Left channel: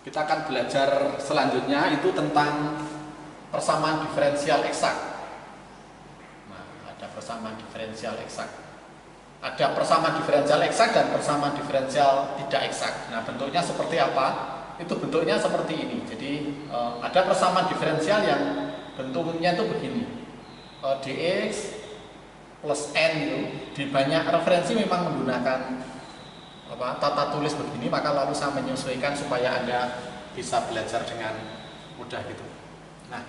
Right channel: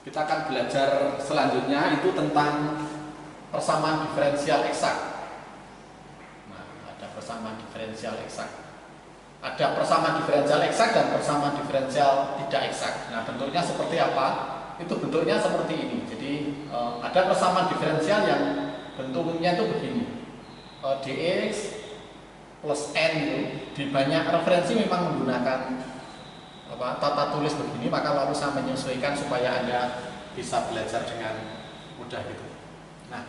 Kita akan belajar selanjutnya itu tentang persamaan diferensial eksak. Nah, ada persamaan diferensial eksak. Ada persamaan diferensial eksak dan persamaan diferensial tidak eksak. Nah, bentuknya seperti apa? Itu bentuknya seperti ini. Jadi ada persamaan diferensial yang bentuknya itu begini. Dx plus n itu di banyak referensi memang menggunakan tata tulis begini, maka lalu saya menyesuaikan supaya Anda bisa belajar dengan mudah gitu. Nah,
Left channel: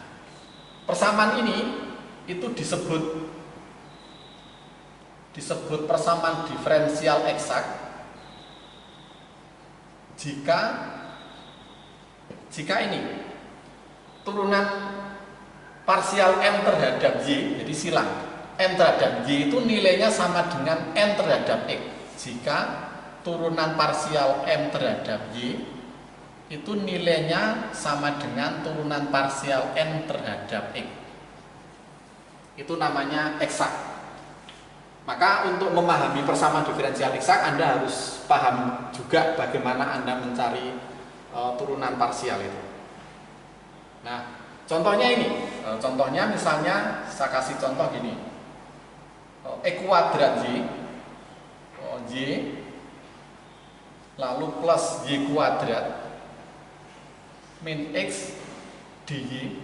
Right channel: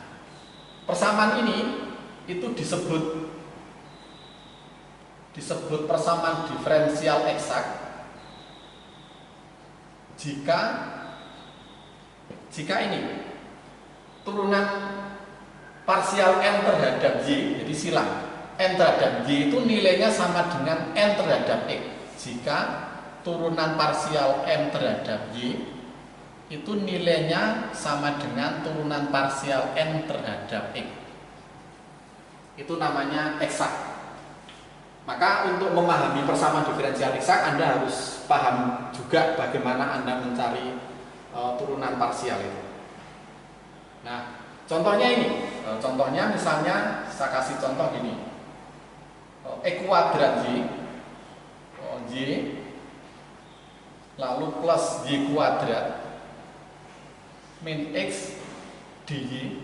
persamaan ini itu disebut persamaan diferensial eksak jika ini turunan parsial n terhadap y, jadi silang n terhadap y itu nilainya sama dengan n terhadap x. Jika turunan parsial m terhadap y itu nilainya sama dengan turunan parsial n terhadap x. Itu namanya eksak. Maka untuk memahami persamaan diferensial eksak, Anda harus paham juga bagaimana Anda mencari turunan parsial itu. Nah, contohnya ini. Contohnya misalnya saya kasih contoh gini. E kuadrat y lalu plus y kuadrat min x dy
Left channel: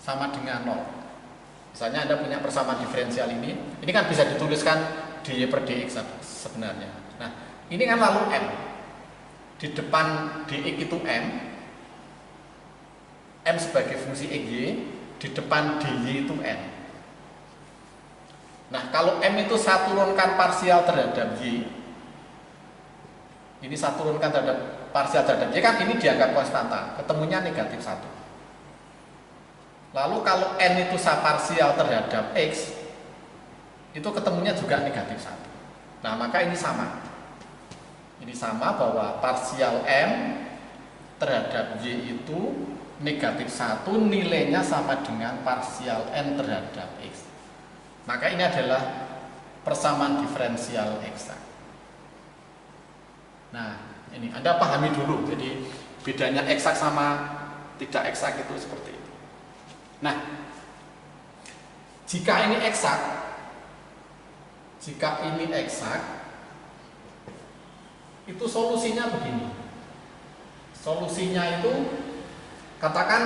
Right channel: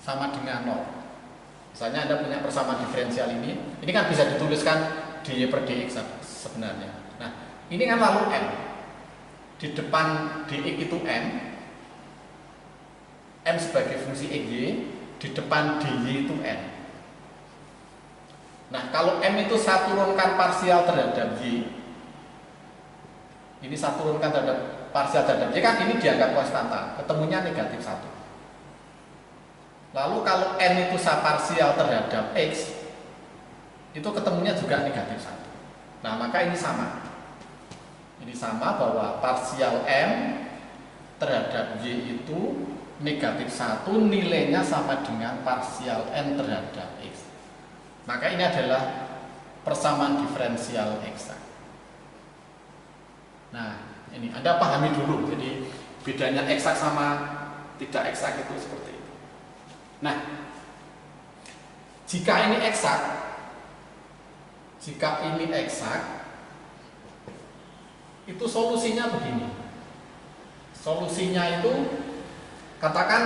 sama dengan 0. Misalnya Anda punya persamaan diferensial ini kan bisa dituliskan dy per dx sebenarnya. Nah, ini kan lalu m. Di depan dx itu m sebagai fungsi xy, di depan dy itu n. Nah, kalau m itu saya turunkan parsial terhadap y, ini saya turunkan terhadap parsial terhadap y kan ini dianggap konstanta, ketemunya negatif 1. Lalu kalau n itu saya parsial terhadap x, itu ketemunya juga negatif 1. Nah, maka ini sama. Ini sama bahwa parsial m terhadap y itu negatif 1, nilainya sama dengan parsial n terhadap x. Maka ini adalah persamaan diferensial eksak. Nah, ini Anda pahami dulu. Jadi bedanya eksak sama tidak eksak itu seperti itu. Nah, jika ini eksak, itu solusinya begini. Solusinya itu katakan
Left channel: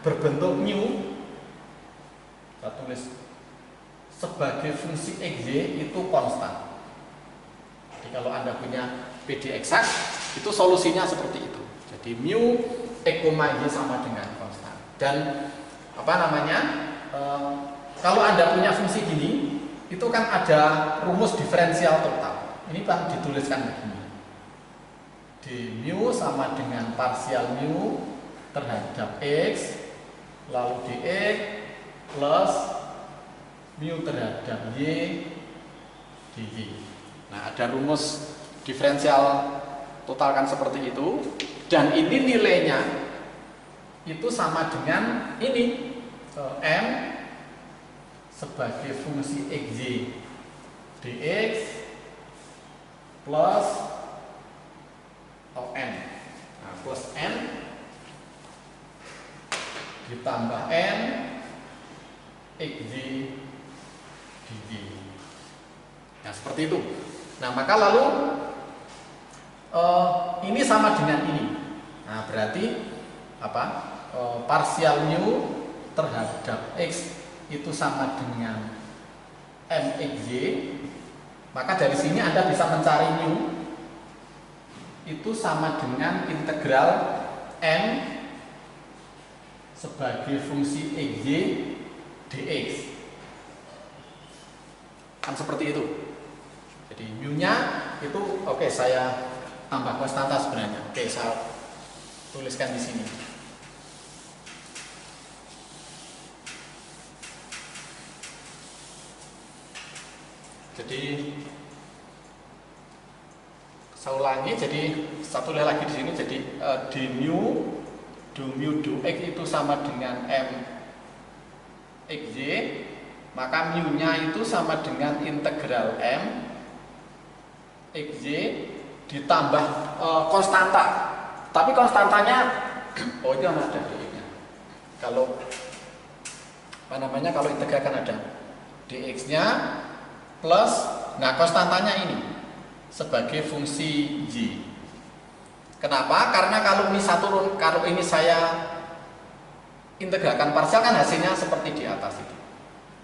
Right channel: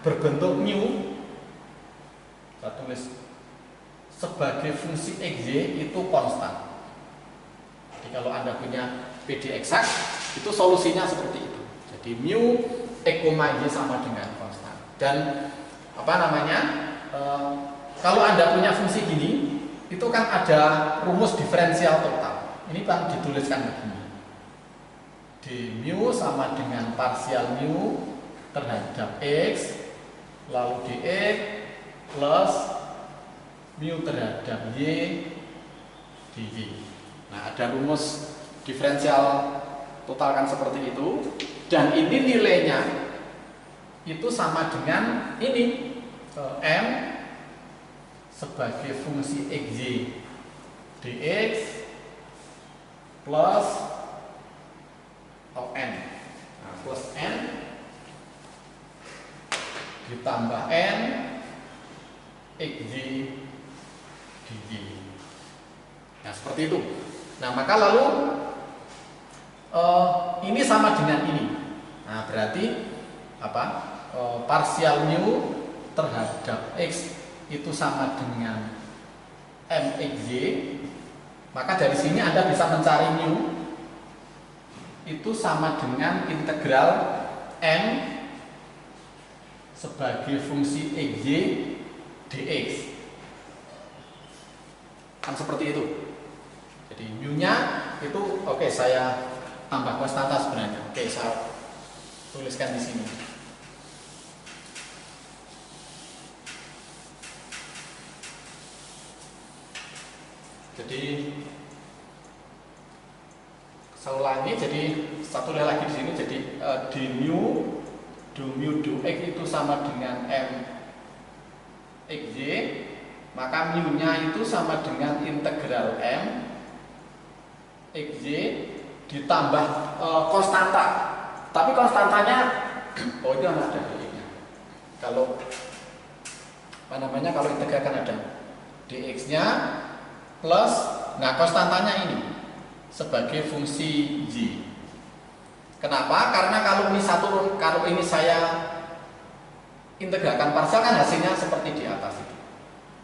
berbentuk mu, saya tulis sebagai fungsi xy itu konstan. Jadi kalau Anda punya PD eksak, itu solusinya seperti itu. Jadi mu e, y sama dengan konstan. Dan kalau Anda punya fungsi gini, itu kan ada rumus diferensial total. Ini kan dituliskan begini. D mu sama dengan parsial mu terhadap x, lalu dx plus mu terhadap y dy. Nah, ada rumus diferensial total kan seperti itu. Dan ini nilainya itu sama dengan ini m sebagai fungsi xy dx plus n. Nah, plus n ditambah n xy dy. Nah, seperti itu. Nah, maka lalu ini sama dengan ini. Nah, berarti parsial mu terhadap x itu sama dengan mxy. Maka dari sini Anda bisa mencari mu itu sama dengan integral n sebagai fungsi xy dx. Kan seperti itu. Jadi mu-nya itu saya tambah konstanta sebenarnya. Saya tuliskan di sini. Jadi saya ulangi, jadi satu lagi di sini. Jadi d mu x itu sama dengan m xy, maka mu-nya itu sama dengan integral m xy ditambah konstanta. Tapi konstantanya, oh itu ada dx-nya. Kalau kalau integralkan ada dx-nya plus, nah konstantanya ini sebagai fungsi y. Kenapa? Karena kalau ini saya integralkan parsial kan hasilnya seperti di atas itu.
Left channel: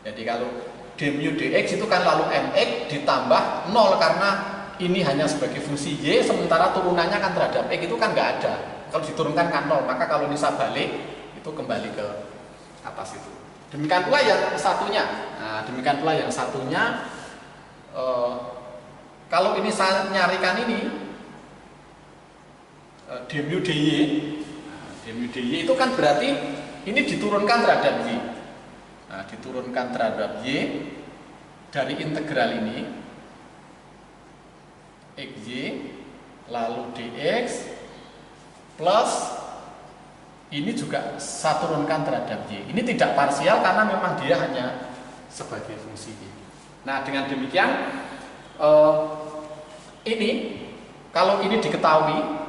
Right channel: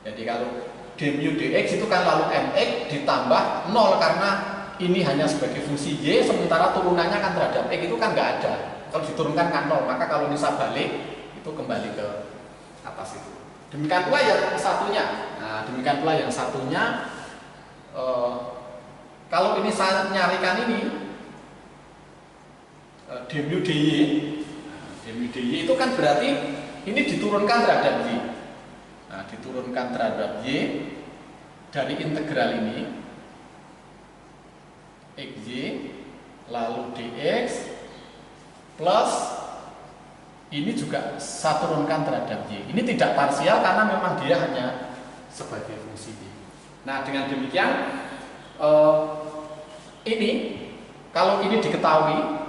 Jadi kalau d mu dx itu kan lalu mx ditambah 0 karena ini hanya sebagai fungsi y, sementara turunannya kan terhadap x itu kan nggak ada. Kalau diturunkan kan 0, maka kalau ini saya balik itu kembali ke atas itu. Demikian pula yang satunya. Nah, demikian pula yang satunya. Kalau ini saya nyarikan ini d mu dy itu kan berarti ini diturunkan terhadap y. Nah, diturunkan terhadap y dari integral ini xy lalu dx plus ini juga saya turunkan terhadap y. Ini tidak parsial karena memang dia hanya sebagai fungsi y. Nah, dengan demikian ini kalau ini diketahui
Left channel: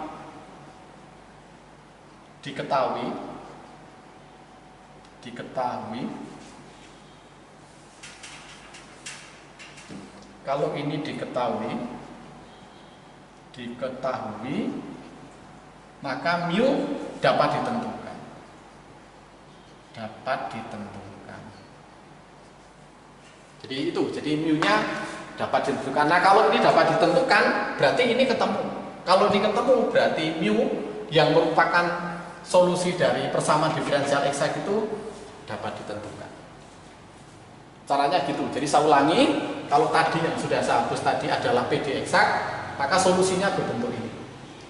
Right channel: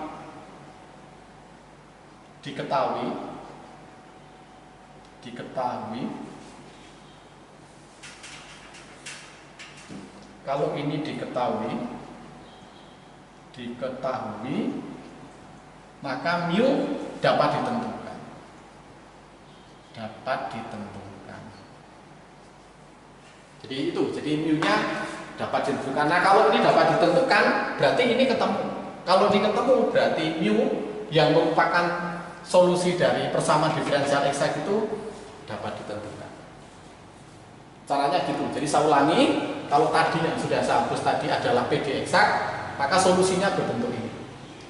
kalau ini diketahui maka mu dapat ditentukan. Jadi mu-nya dapat ditentukan. Nah, kalau ini dapat ditentukan berarti ini ketemu. Kalau ini ketemu berarti mu yang merupakan solusi dari persamaan diferensial eksak itu dapat ditentukan. Caranya gitu. Jadi saya ulangi, kalau tadi yang sudah saya hapus tadi adalah PD eksak, maka solusinya berbentuk ini.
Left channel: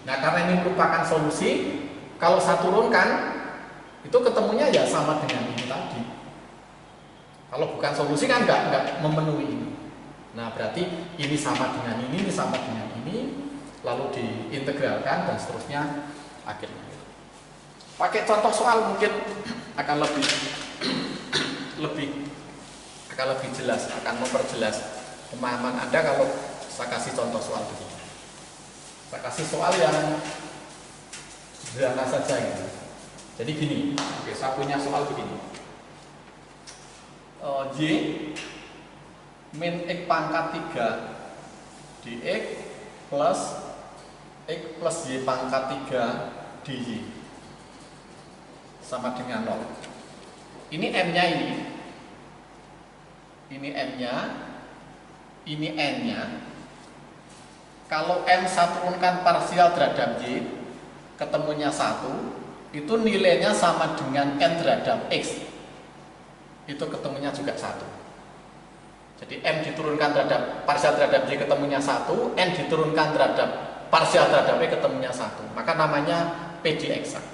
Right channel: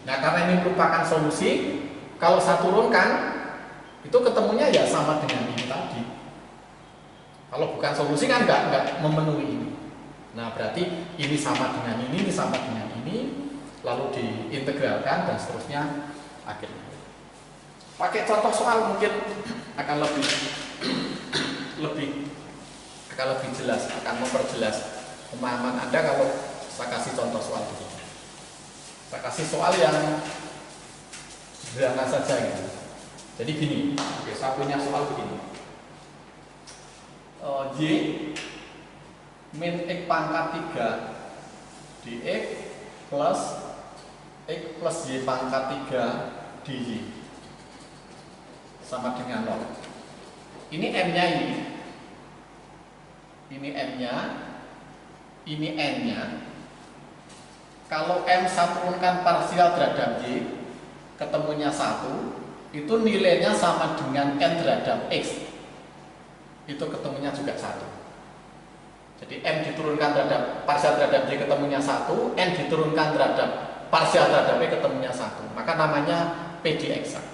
Nah, karena ini merupakan solusi, kalau saya turunkan itu ketemunya ya sama dengan ini tadi. Kalau bukan solusi kan nggak memenuhi ini. Nah, berarti ini sama dengan ini sama dengan ini, lalu diintegralkan dan seterusnya akhirnya. Pakai contoh soal mungkin akan lebih jelas, akan memperjelas pemahaman Anda kalau saya kasih contoh soal begini. Saya kasih soal yang sederhana saja gitu. Jadi gini, oke, saya punya soal begini. Y min x pangkat 3 dx plus x plus y pangkat 3 dy sama dengan 0. Ini m-nya ini m-nya, ini n-nya. Kalau m saya turunkan parsial terhadap y, ketemunya 1, itu nilainya sama dengan n terhadap x. Itu ketemunya juga 1. Jadi m diturunkan terhadap parsial terhadap y ketemunya 1, n diturunkan terhadap parsial terhadap y ketemunya 1. Maka namanya PD eksak.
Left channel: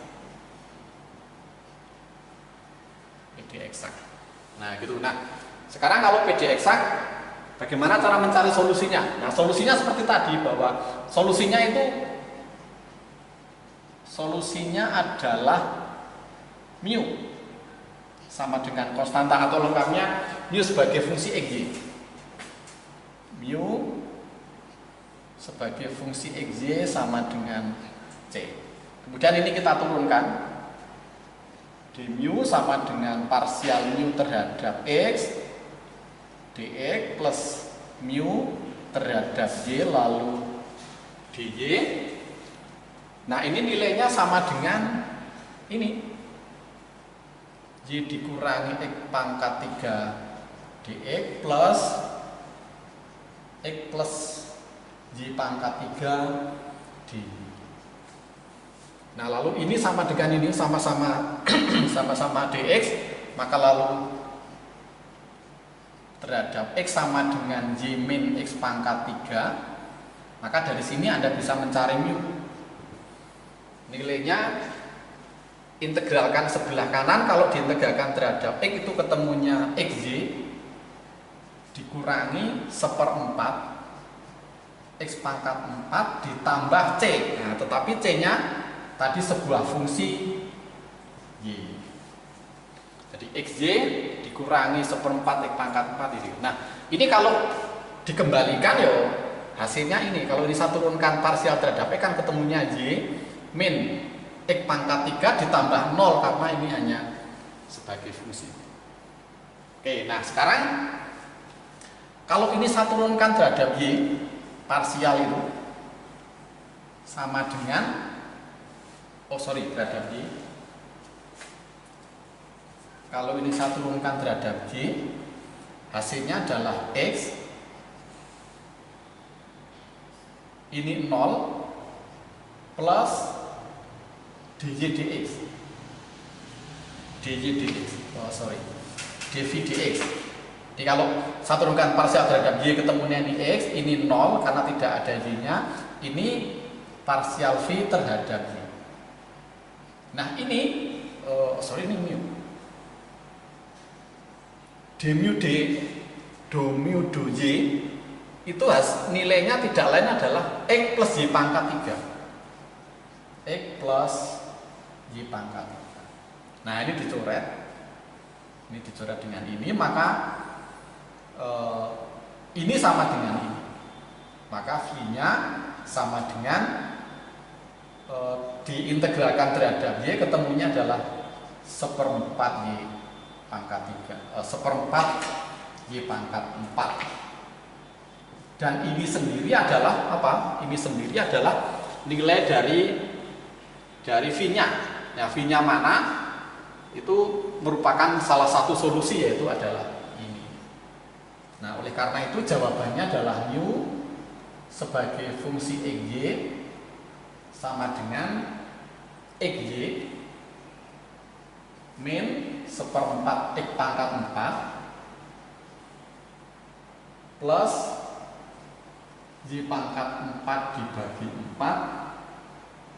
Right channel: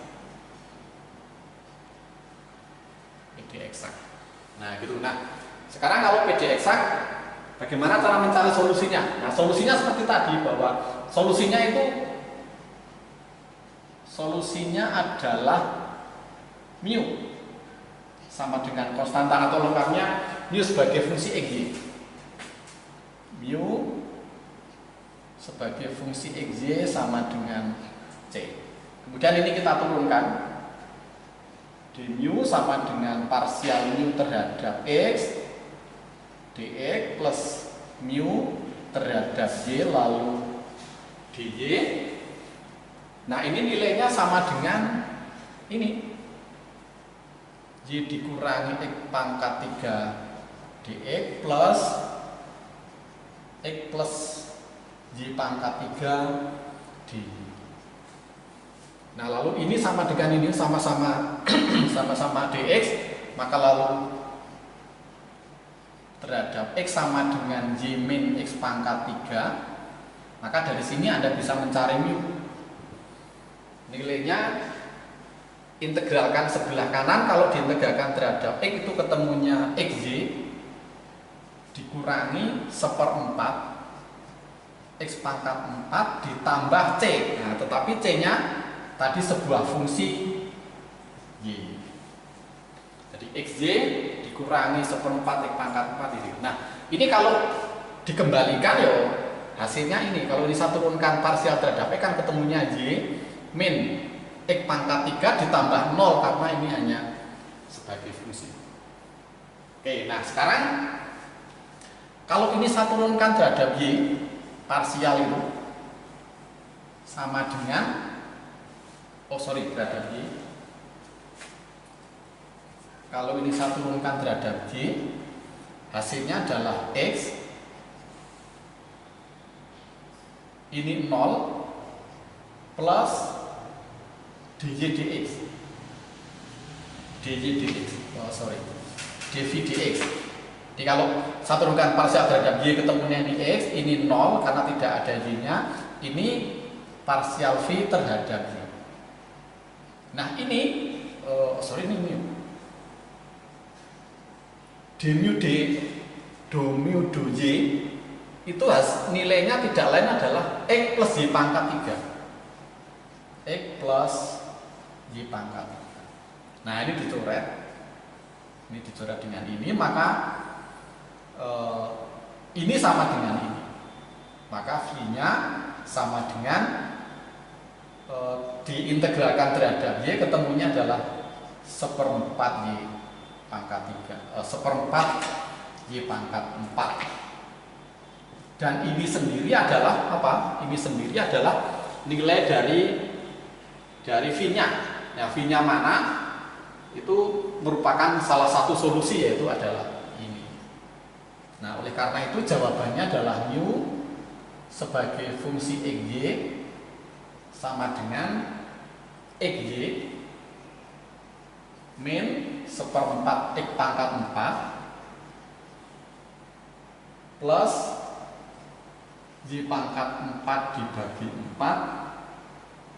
Nah, gitu. Nah, sekarang kalau PD eksak, bagaimana cara mencari solusinya? Nah, solusinya seperti tadi, bahwa solusinya adalah mu sama dengan konstanta atau lengkapnya mu sebagai fungsi xy. Mu sebagai fungsi xy sama dengan c. Kemudian ini kita turunkan. D mu sama dengan parsial mu terhadap x dx plus mu terhadap y lalu dy. Nah, ini nilainya sama dengan ini y dikurangi x pangkat 3 dx plus x plus y pangkat 3 dy. Nah, lalu ini sama dengan ini sama-sama dx, maka lalu terhadap x sama dengan y min x pangkat 3, maka dari sini Anda bisa mencari mu. Nilainya integralkan sebelah kanan, kalau diintegralkan terhadap x itu ketemunya xy dikurangi 1/4 x pangkat 4 ditambah c. Nah, tetapi c-nya tadi sebuah fungsi y. Jadi xy dikurangi 1/4 x pangkat 4 ini. Nah, ini kalau dikembalikan ya hasilnya ini. Kalau ini saya turunkan parsial terhadap x kan ketemunya y min X pangkat 3 ditambah 0 karena ini hanya sebagai fungsi. Oke, nah sekarang kalau ini saya turunkan terhadap Y parsial itu sama dengan terhadap Y. Kalau ini saya turunkan terhadap Y, hasilnya adalah X ini 0 plus dy dx dv dx. Jadi kalau saya turunkan parsial terhadap Y ketemunya di X, ini 0 karena tidak ada Y nya, ini parsial V terhadap Y. Nah ini ini mu d mu d do mu do Y itu nilainya tidak lain adalah X plus Y pangkat 3. X plus Y pangkat 3. Nah ini dicoret dengan ini, maka ini sama dengan ini, maka V nya sama dengan diintegralkan terhadap Y ketemunya adalah 1/4 Y pangkat 3, 1/4 Y pangkat 4. Dan ini sendiri adalah apa? Ini sendiri adalah nilai dari V nya. Nah, V nya mana? Itu merupakan salah satu solusi, yaitu adalah ini. Nah, oleh karena itu jawabannya adalah mu sebagai fungsi XY sama dengan XY min 1/4 X pangkat 4 plus Y pangkat 4 dibagi 4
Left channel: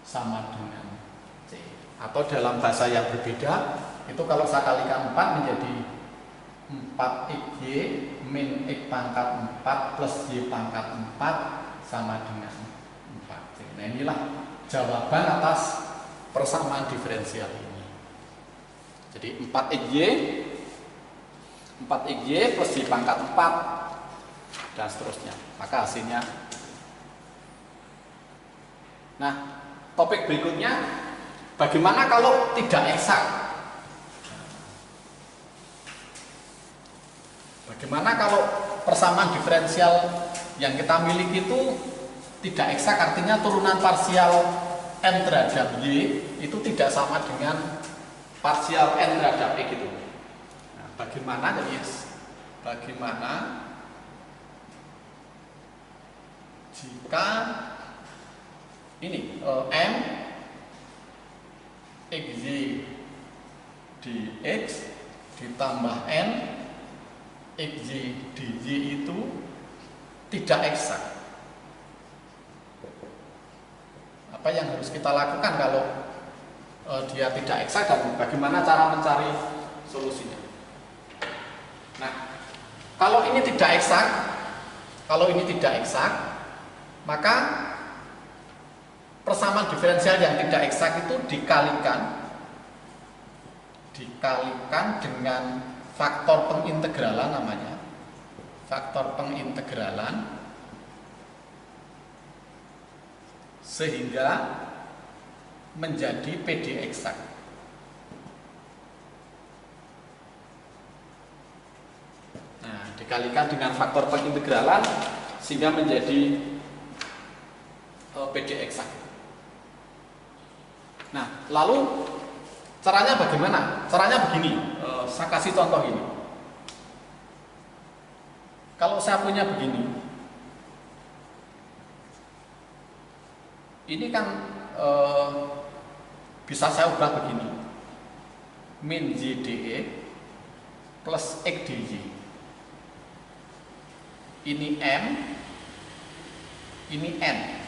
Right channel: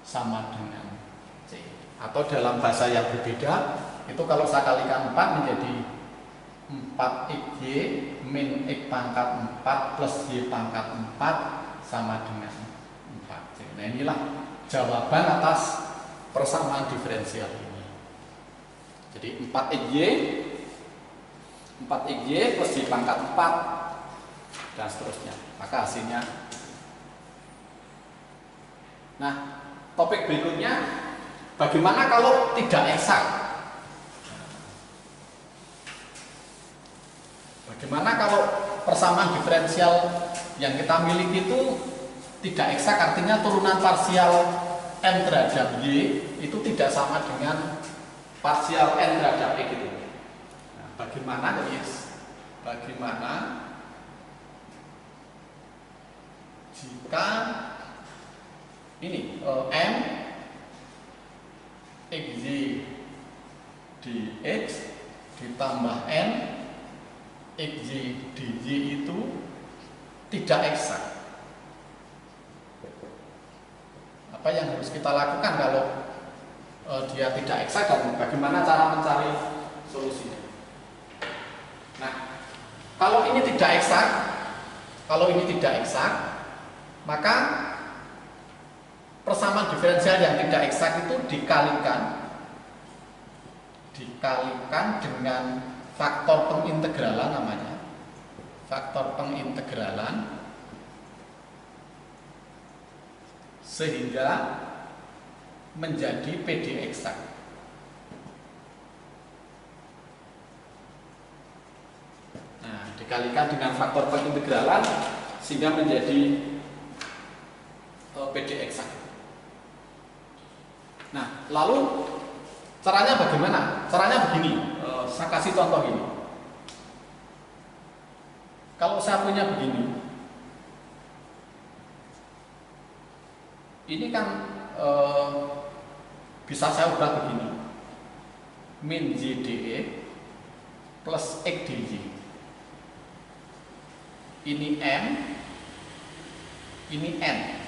sama dengan C. Atau dalam bahasa yang berbeda, itu kalau saya kalikan 4 menjadi 4XY min X pangkat 4 plus Y pangkat 4 sama dengan 4C. Nah inilah jawaban atas persamaan diferensial ini. Jadi 4XY plus Y pangkat 4 dan seterusnya. Maka hasilnya. Nah, topik berikutnya, bagaimana kalau tidak eksak? Bagaimana kalau persamaan diferensial yang kita miliki itu tidak eksak, artinya turunan parsial n terhadap Y itu tidak sama dengan parsial n terhadap X itu. Nah, bagaimana? Bagaimana jika ini m xy dx ditambah n xy dy itu tidak eksak? Apa yang harus kita lakukan kalau dia tidak eksak, dan bagaimana cara mencari solusinya? Nah, kalau ini tidak eksak, maka persamaan diferensial yang tidak eksak itu dikalikan dengan faktor pengintegralan, namanya faktor pengintegralan, sehingga menjadi PD eksak. Nah, dikalikan dengan faktor pengintegralan sehingga menjadi PD eksak. Nah, lalu caranya bagaimana? Caranya begini, saya kasih contoh ini. Kalau saya punya begini, ini kan bisa saya ubah begini, min JDE plus X DJ. Ini M, ini N.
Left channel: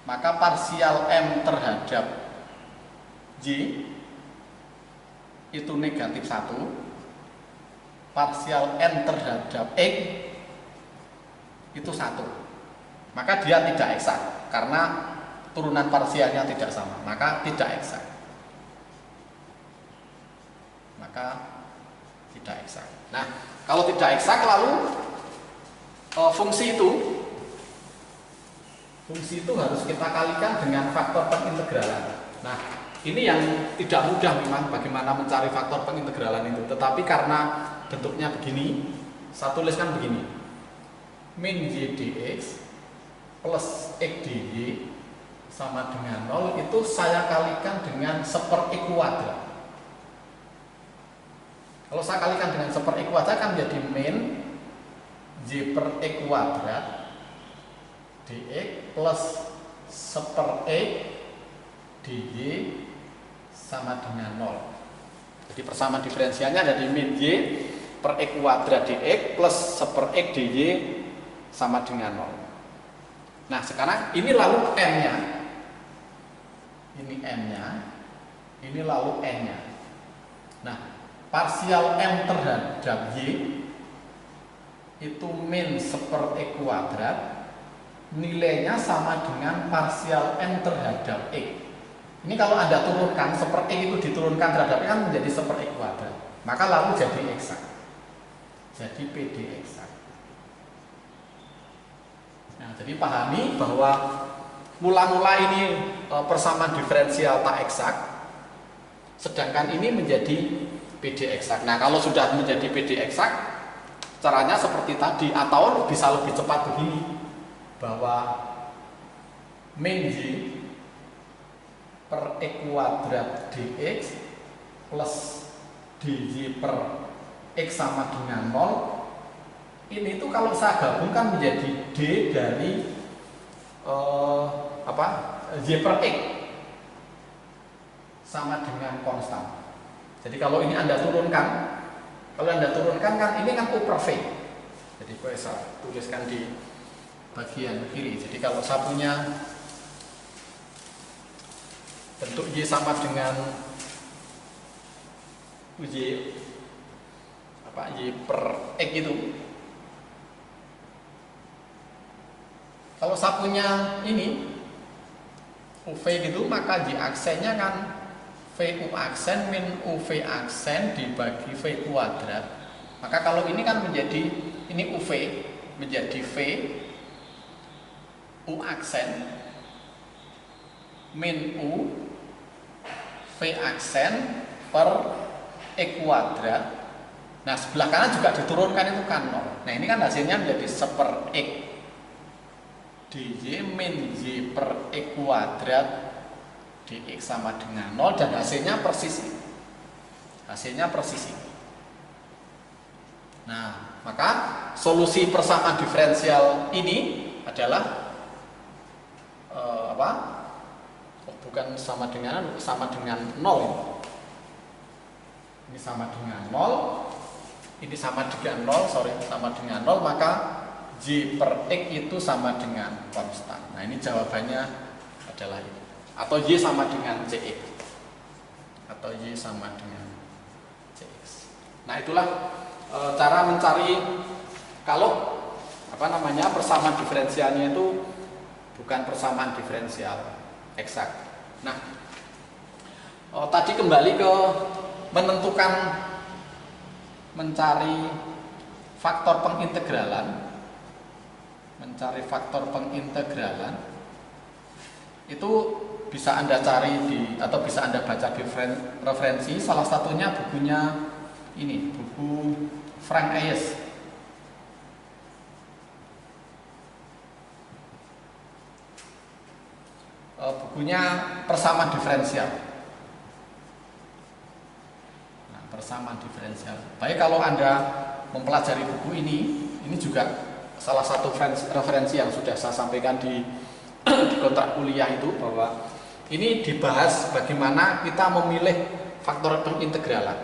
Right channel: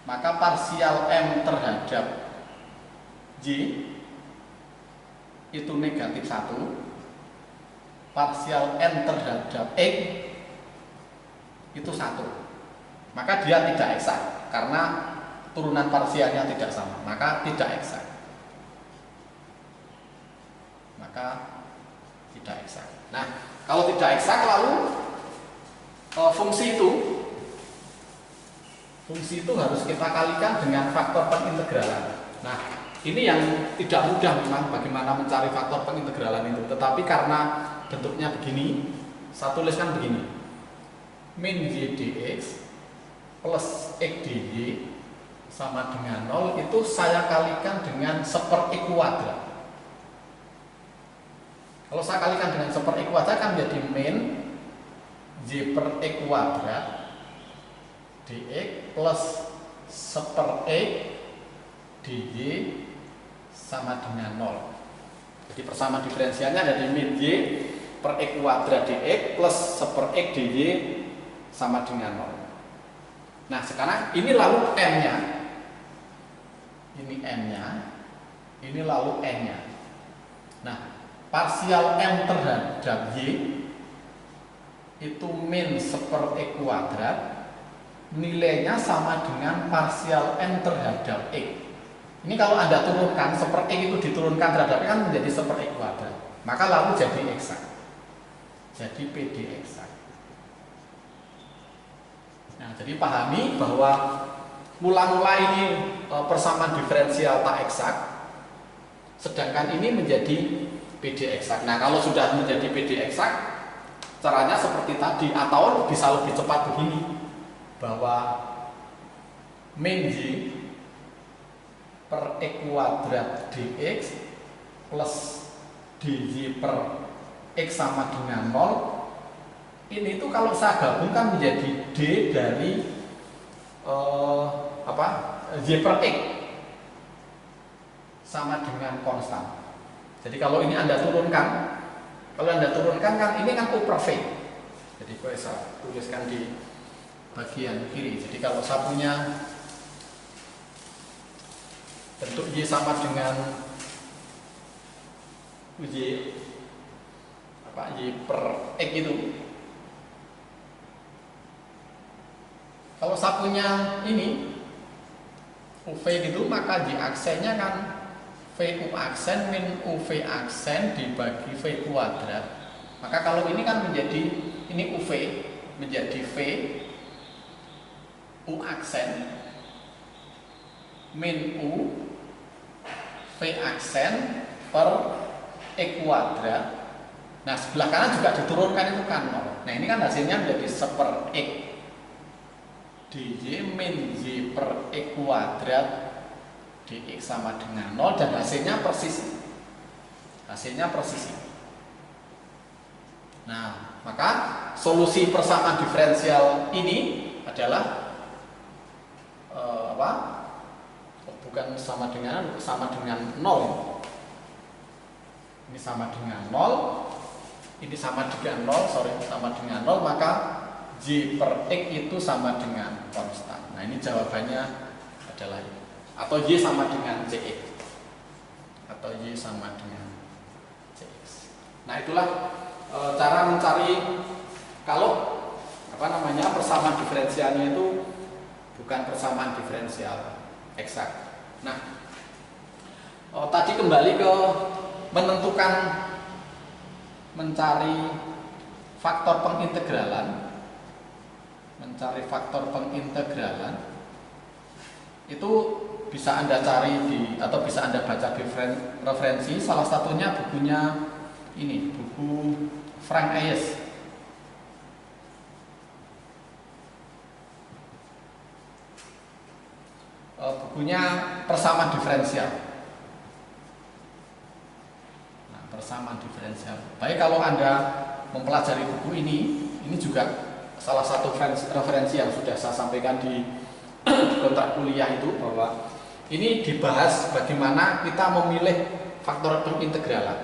Maka parsial M terhadap Y itu negatif 1, parsial N terhadap X itu 1. Maka dia tidak eksak karena turunan parsialnya tidak sama, maka tidak eksak. Nah, kalau tidak eksak, lalu fungsi itu Fungsi itu harus kita kalikan dengan faktor pengintegralan. Nah, ini yang tidak mudah memang bagaimana mencari faktor pengintegralan itu. Tetapi karena bentuknya begini, saya tuliskan begini. Min y dx plus x dy sama dengan 0 itu saya kalikan dengan 1/x kuadrat. Kalau saya kalikan dengan 1/x kuadrat kan menjadi min y per x kuadrat dx plus 1/x dy sama dengan 0. Jadi persamaan diferensialnya ada di min y per x kuadrat dx plus 1/x dy sama dengan 0. Nah sekarang ini lalu n-nya, ini n-nya, ini lalu n-nya. Nah parsial m terhadap y itu min 1/x kuadrat, nilainya sama dengan parsial n terhadap x. Ini kalau Anda turunkan 1/x itu diturunkan terhadap x kan menjadi 1/x kuadrat. Maka lalu jadi eksak. Jadi PD eksak. Nah, jadi pahami bahwa mula-mula ini persamaan diferensial tak eksak, sedangkan ini menjadi PD eksak. Nah, kalau sudah menjadi PD eksak, caranya seperti tadi atau bisa lebih cepat begini, bahwa min y per x kuadrat dx plus dy per x sama dengan 0. Ini tuh kalau saya gabungkan menjadi d dari y per x sama dengan konstan. Jadi kalau ini Anda turunkan, kan ini kan u per v. Jadi saya tuliskan di bagian kiri. Jadi kalau saya punya bentuk y sama dengan y per x itu. Kalau saya punya ini UV gitu, maka y aksennya kan VU aksen min UV aksen dibagi V kuadrat. Maka kalau ini kan menjadi, ini UV menjadi V U aksen min U V aksen per X kuadrat. Nah sebelah kanan juga diturunkan itu kan 0. Nah ini kan hasilnya menjadi 1/x dy min y per x kuadrat dx sama dengan 0 dan hasilnya persis ini. Hasilnya persis ini. Nah, maka solusi persamaan diferensial ini adalah bukan sama dengan 0 ini. Ini sama dengan 0. Ini sama dengan 0, sama dengan 0, maka y per x itu sama dengan konstan. Nah ini jawabannya adalah ini. Atau y sama dengan cx. Atau y sama dengan cx. Nah itulah cara mencari kalau persamaan diferensialnya itu bukan persamaan diferensial eksak. Nah tadi kembali ke mencari faktor pengintegralan. Mencari faktor pengintegralan itu bisa Anda cari atau bisa Anda baca di referensi, salah satunya bukunya ini, buku Frank Ayes. Bukunya persamaan diferensial. Nah, persamaan diferensial. Baik kalau Anda mempelajari buku ini juga salah satu referensi yang sudah saya sampaikan di kontrak kuliah itu, bahwa ini dibahas bagaimana kita memilih faktor pengintegralan.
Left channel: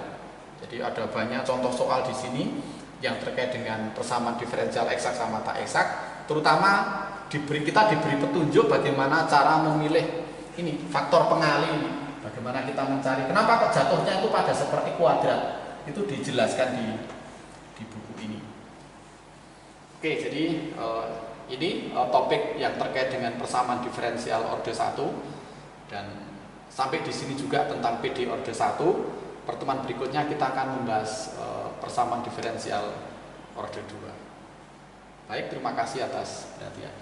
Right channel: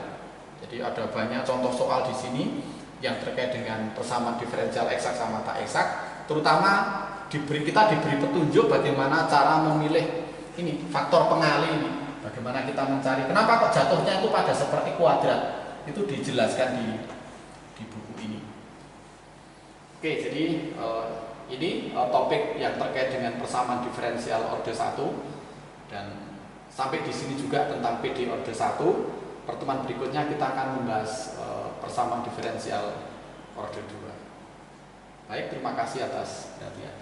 Jadi ada banyak contoh soal di sini yang terkait dengan persamaan diferensial eksak sama tak eksak, terutama kita diberi petunjuk bagaimana cara memilih ini faktor pengali ini. Bagaimana kita mencari, kenapa kok jatuhnya itu pada 1/x kuadrat, itu dijelaskan di buku ini. Oke, jadi ini topik yang terkait dengan persamaan diferensial orde 1, dan sampai di sini juga tentang PD orde 1. Pertemuan berikutnya kita akan membahas persamaan diferensial orde 2. Baik, terima kasih atas perhatian.